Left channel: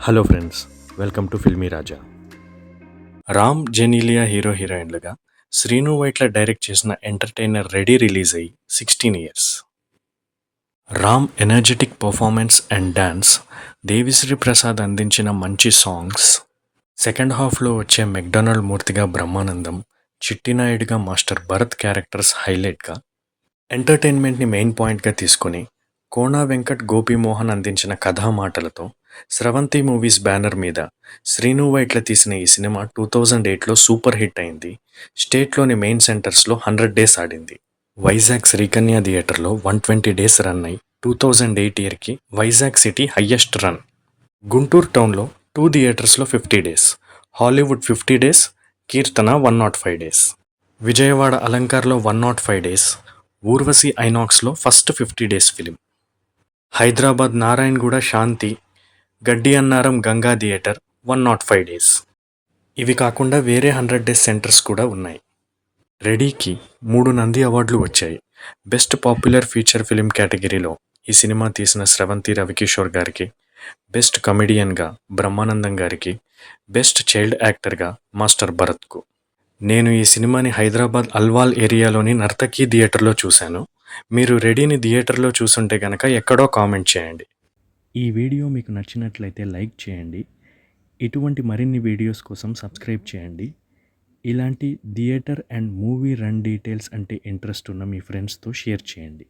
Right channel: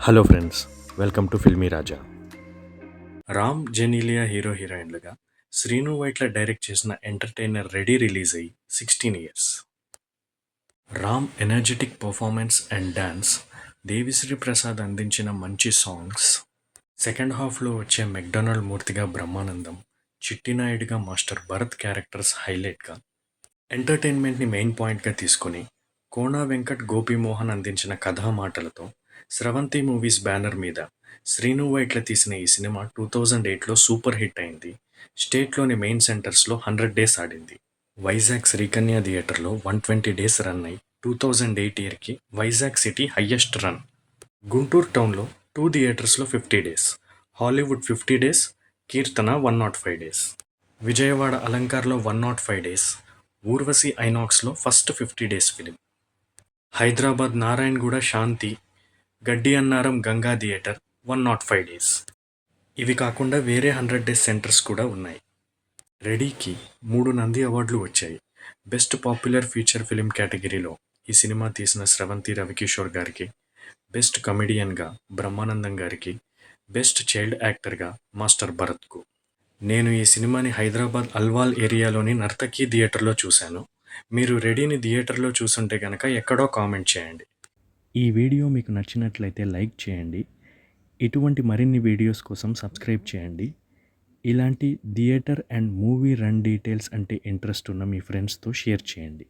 Hello friends, welcome to Filmy Raja. Ram Genelia hero హీరోయిన్లుగా Srinu Vaitla direct చేసిన entertainer Ready release అయ్యి 16 years. Ram energetic performance and dance, Devi Sri Prasad అందించిన మంచి సాంగ్స్, సెకండ్ హాఫ్లో వచ్చే మెక్డొనాల్డ్ మూర్తిగా బ్రహ్మానందం, చిట్టినాయుడుగా మాస్టర్ భరత్ క్యారెక్టర్స్ హైలైట్గా, ఎంటర్టైన్మెంట్ని మెయిన్ పాయింట్గా తీసుకుని కోనా వెంకట్ గోపీమోహన్ అందించిన కథా మాటలతో స్రవంతి మూవీస్ బ్యానర్ మీద శ్రీను వైట్ల తీసిన ఈ సినిమా 2008లో సూపర్ హిట్ అయింది. స్టేట్లోని మెయిన్ సెంటర్స్లో 100 డేస్ ఆడింది. వైజాగ్ శ్రీకన్య థియేటర్లో 120 డేస్ రన్ అయి 2008 ఇయర్కి Vizag city highest run. Guntur టౌన్లో 2 థియేటర్స్లో 50 days, Hollywood 50 days, Keerthana 105 days, Vijayawada అలంకార్లో 105 డేస్, ఊర్వశి ఐనాక్స్లో first 50 days film, Hyderabad Narayanaguda Shanti, Gaddi Annaram Ganga theatre 105 days. ఇవి కాకుండా వేరే 100 డేస్ సెంటర్స్ కూడా ఉన్నాయి. రెడీకి 3 నంది అవార్డులు వచ్చాయి. బెస్ట్ పాపులర్ ఫీచర్ ఫిలిం కేటగిరీలో ఈ సినిమా తీసిన స్రవంతి రవికిషోర్ గారికి, బెస్ట్ కమెడియన్గా బ్రహ్మానందం గారికి, బెస్ట్ చైల్డ్ యాక్టర్గా మాస్టర్ భరత్కు. నేను ఈ సినిమాని హైదరాబాద్ అల్వాల్ ఏరియాలోని నర్తకి థియేటర్లో చూశాను. మీరు రెడీని థియేటర్లో చూసుంటే గనక ఎక్కడో కామెంట్ చేయండి. ఈ వీడియో మీకు నచ్చినట్లయితే లైక్ చేయండి. ఇటువంటి మరిన్ని వీడియోస్ కోసం సబ్స్క్రైబ్ చేయండి. ఇలాంటి theatre and movie run details అంటే ఇంట్రెస్ట్ ఉన్న మీ ఫ్రెండ్స్తో షేర్ చేయండి.